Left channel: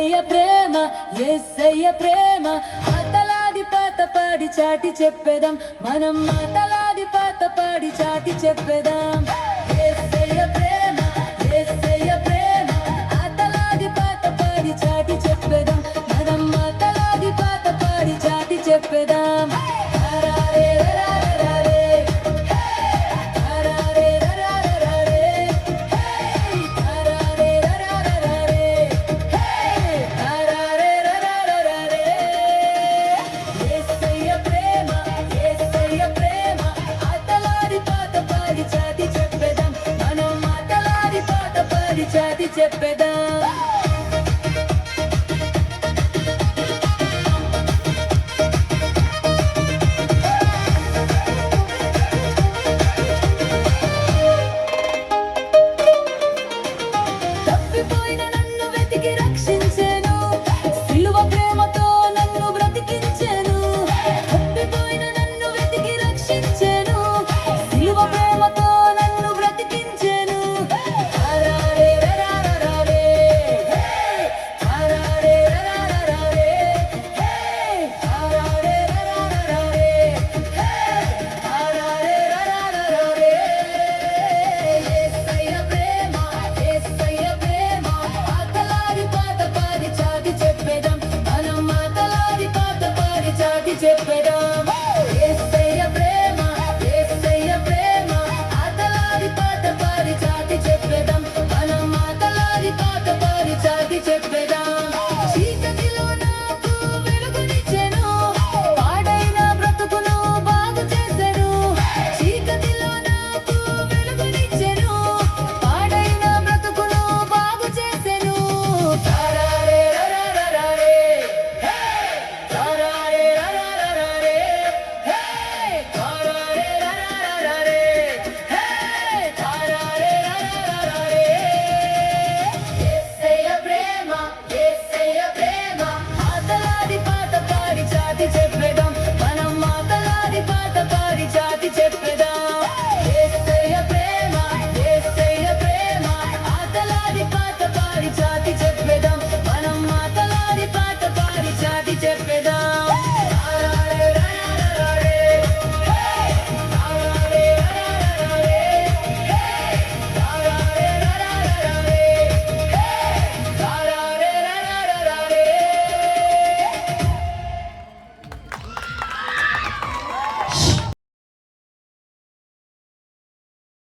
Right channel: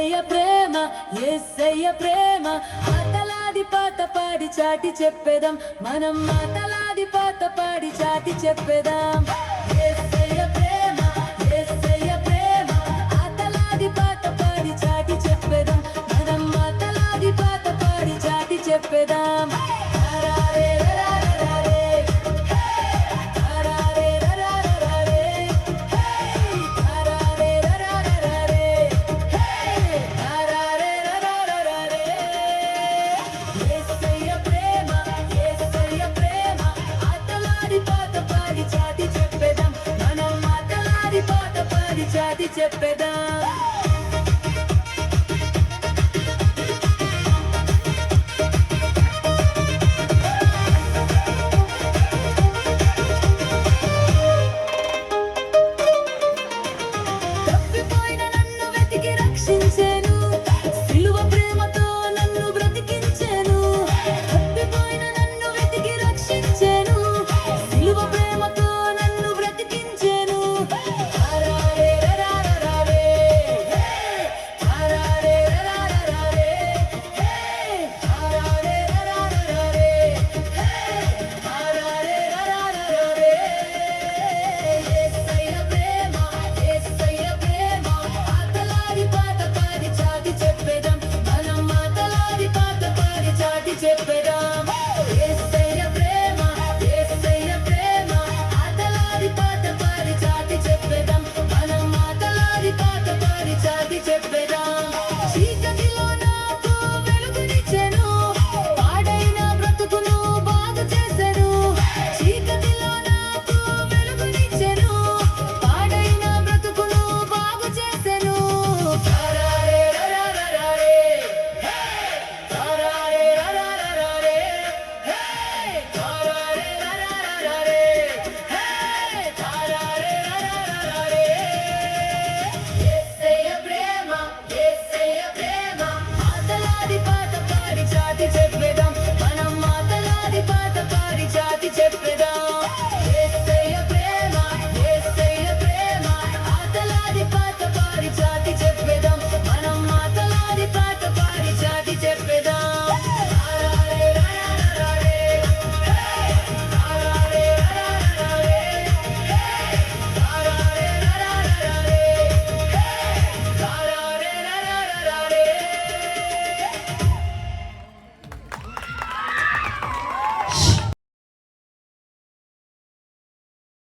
యేసయ్య ప్రేమ యేసయ్య ప్రేమ మాటలాడి పాత పాడి చాటి చెప్పేదాం మనం మాటలాడి పాత పాడి చాటి చెప్పేదాం యేసయ్య ప్రేమ యేసయ్య ప్రేమ మాటలాడి పాత పాడి చాటి చెప్పేదాం మనం మాటలాడి పాత పాడి చాటి చెప్పేదాం చాటి చెప్పేదాం మనం మాటలాడి పాత పాడి చాటి చెప్పేదాం